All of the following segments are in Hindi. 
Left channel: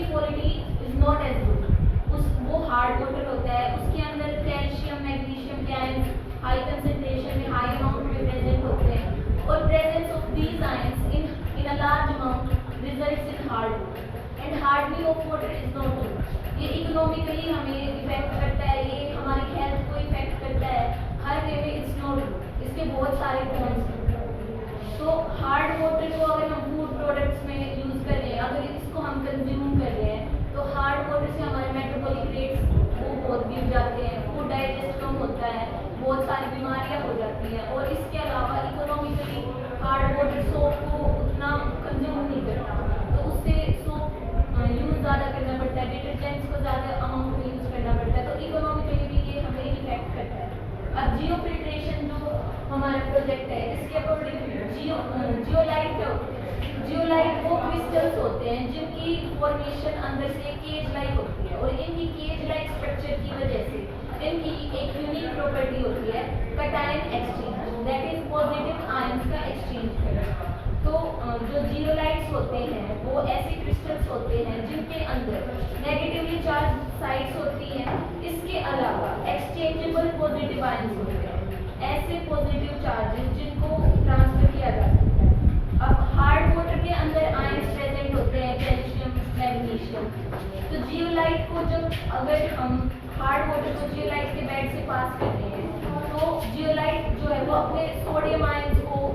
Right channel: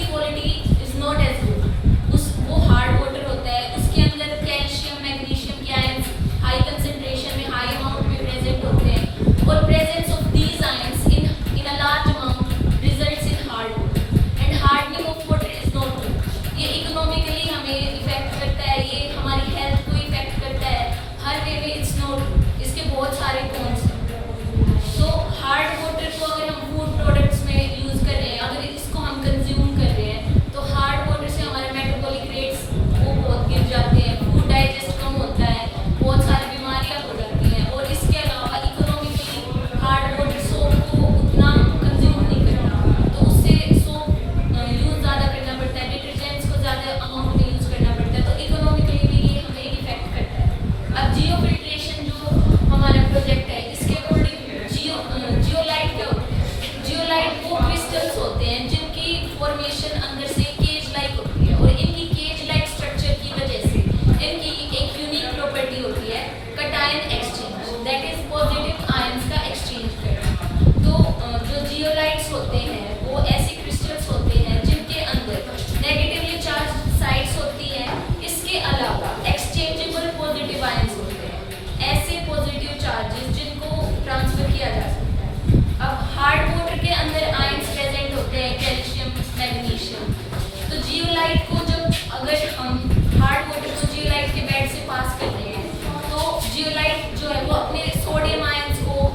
उसकी quality is not as good. उस वो हार्ड वाटर होता है, उसके अंदर कैल्शियम मैग्नीशियम के आयंस हाई कंसेंट्रेशन में हाई अमाउंट में प्रेजेंट होते हैं और presence of these ions in a large amount results in hard water and hardening of water is not good. ये इकोनॉमिकली हमें इफेक्ट करता है, ये हमारी हेल्थ को इफेक्ट करता है, हर वे में इट्स नॉट गुड। इसके बहुत सारे कॉन्स हैं। तो हार्ड वाटर को अगर हम फूड प्रोडक्ट्स में यूज कर रहे हैं, अगर इसको हम कंज्यूम कर रहे हैं, तो हार्ड वाटर से हमारे मेटाबॉलिक रेट्स वो बहुत गिर जाते हैं, फूड डाइजेस्ट कम होता है, बहुत सारी बीमारियां हो जाती हैं। और इसके अलावा इकोनॉमिकली हार्ड वाटर सोप को उतना कंज्यूम नहीं करता, तो उससे सोप यूज ज़्यादा करना पड़ता है, डिटर्जेंट्स को ज़्यादा अमाउंट में यूज करना पड़ता है, तो इकोनॉमिकली भी ये हमें इफेक्ट करता है। अब जियो फिल्ट्रेशन जो हमारा प्रोजेक्ट है, इसके अकॉर्डिंग जियोलाइट क्या होता है? जियोलाइट वो क्रिस्टल्स होते हैं जिनकी फॉर्मेशन अंदर से केज लाइक होती है, और इनकी केज लाइक स्ट्रक्चर की वजह से इनकी एक यूनिक प्रॉपर्टी होती है cation exchange, that is positive ions का एक्सचेंज करना। तो जो जियोलाइट्स होते हैं वो ऐसे क्रिस्टल्स होते हैं जिनके अंदर नेगेटिवली चार्ज साइड्स होती हैं, इसके अलावा एक्सचेंजेबल पॉजिटिव आयंस होते हैं, ऐसे पॉजिटिव चार्जेस जिनको ट्रांसफर किया जा सकता है। अब हार्ड वाटर के अंदर आयंस प्रेजेंट होते हैं, कैल्शियम मैग्नीशियम। तो जियोलाइट को जब अगर हम हार्ड वाटर को जियोलाइट के बेड से पास कर रहे हैं, तो जियोलाइट जो है वो अपने सोडियम आयंस को,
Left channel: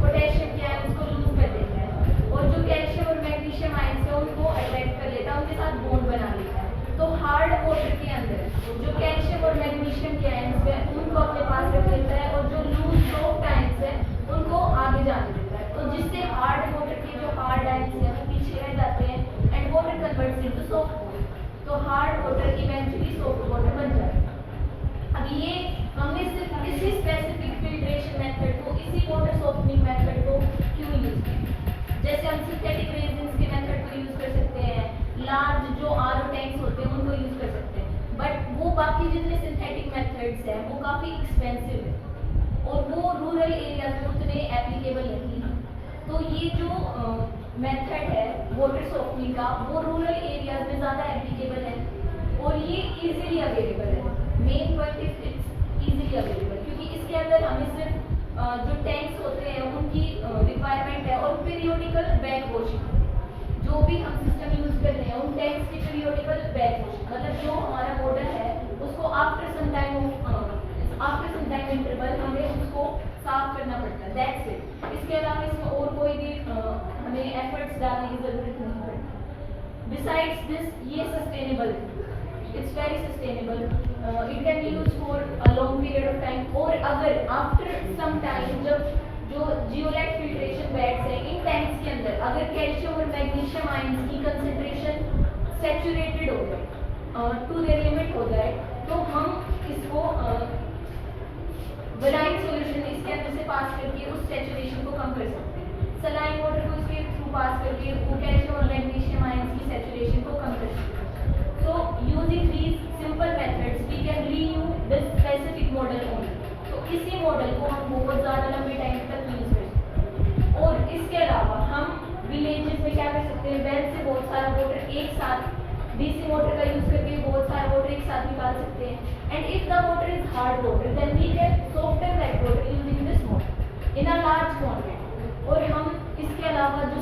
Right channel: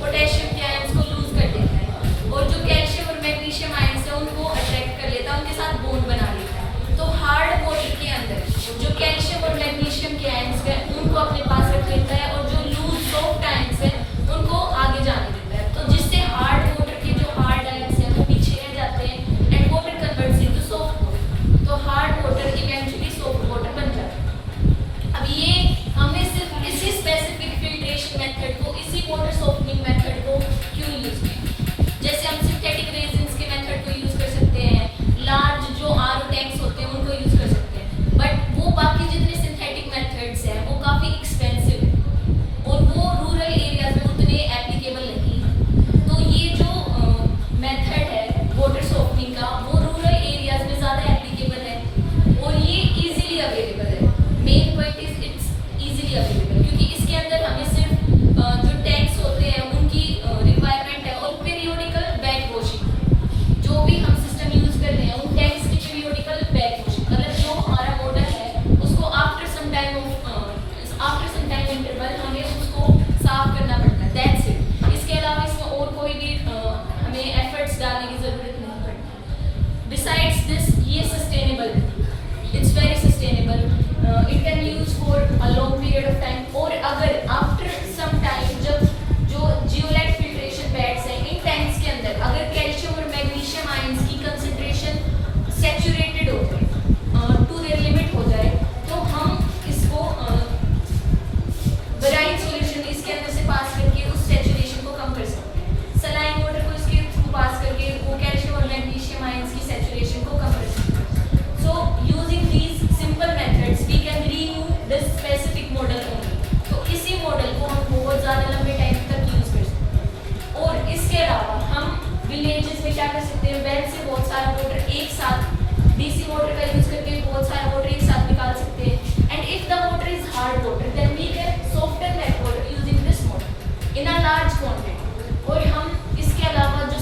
पोटेशियम के आयंस को लूज कर देता है, और जो कैल्शियम और मैग्नीशियम आयंस है उनको अट्रैक्ट कर लेता है, उनके साथ बॉन्ड बना लेता है। तो हार्ड वाटर के अंदर जो कैल्शियम और मैग्नीशियम के आयंस है उनको अपने पास रख लेता है, और जो लूज सॉफ्ट आयंस है उनको आगे जाने देता है, तो जिससे हार्ड वाटर के जो हार्ड आयंस हैं वो पीछे रह जाते हैं and water converts into soft water, तो hard water eventually soft water बन जाता है। अब ये हमने सिर्फ इसी स्पेसिफिक फिल्ट्रेशन मेथड को, इसी वाटर सॉफ्टनिंग मेथड को क्यों यूज किया? जैसे हम सिंथेटिक रेजिन्स के मेथड को यूज कर सकते हैं, लार्ज जो आरओ टैंक्स होते हैं उनको यूज कर सकते हैं, बट वो बाकी जितने सिंथेटिक मेथड्स हैं वो काफ़ी एक्सपेंसिव है और वो रूरल एरियाज में उतने एप्लीकेबल नहीं है। तो ये जो मेथड है वाटर सॉफ्टनिंग का, वो रूरल एरियाज में ज़्यादा एप्लीकेबल है और ये इजीली अवेलेबल है। Main point is it's easily available, क्योंकि इसके अंदर हमें सिर्फ जो टैंक्स होते हैं उनकी रिक्वायरमेंट है, और पीरियोडिकल बैक वॉशिंग, जो भी हम सिस्टम यूज कर रहे हैं उन टैंक्स की पीरियोडिकल बैक वॉशिंग, मतलब जो हमारा मॉडल है उसको आफ्टर सम टाइम इंटरवल हमें उसको साफ करना पड़ता है, दैट्स इट। इसके अलावा इसमें और कोई भी हमें एफर्ट्स डालने की ज़रूरत नहीं पड़ती। बिसाइड्स दिस ये sustainable, it's very sustainable, it can use for a long period of time. और अगर आफ्टर सम टाइम जब जो जियोलाइट फिल्ट्रेशन बेड्स हैं इन टैंक्स के अंदर अगर कैल्शियम और मैग्नीशियम आयंस की कंसेंट्रेशन सैचुरेटेड हो जाए, टू देयर लिमिट हो जाए, तो हम इसको ब्राइन सॉल्यूशन इसके अंदर से पास करके उस सैचुरेशन को कम कर सकते हैं। सलाइन वाटर को इसके थ्रू पास करके वो कैल्शियम और मैग्नीशियम आयंस की सैचुरेशन को कम कर सकते हैं। So using these simple methods we can renew the specific model only. तो इसी मॉडल को हम बहुत ज़्यादा लंबे टाइम तक यूज कर सकते हैं। और इसके अलावा हम विलेजेस में क्या कर सकते हैं, वेल से बहुत सारा वाटर एक साथ, डीसी वाटर का यूज करके बहुत सारा वाटर एक साथ निकाल सकते हैं। And if the water is hard water then we can soften that water using this mode in a large quantity। और हम इसके अलावा जो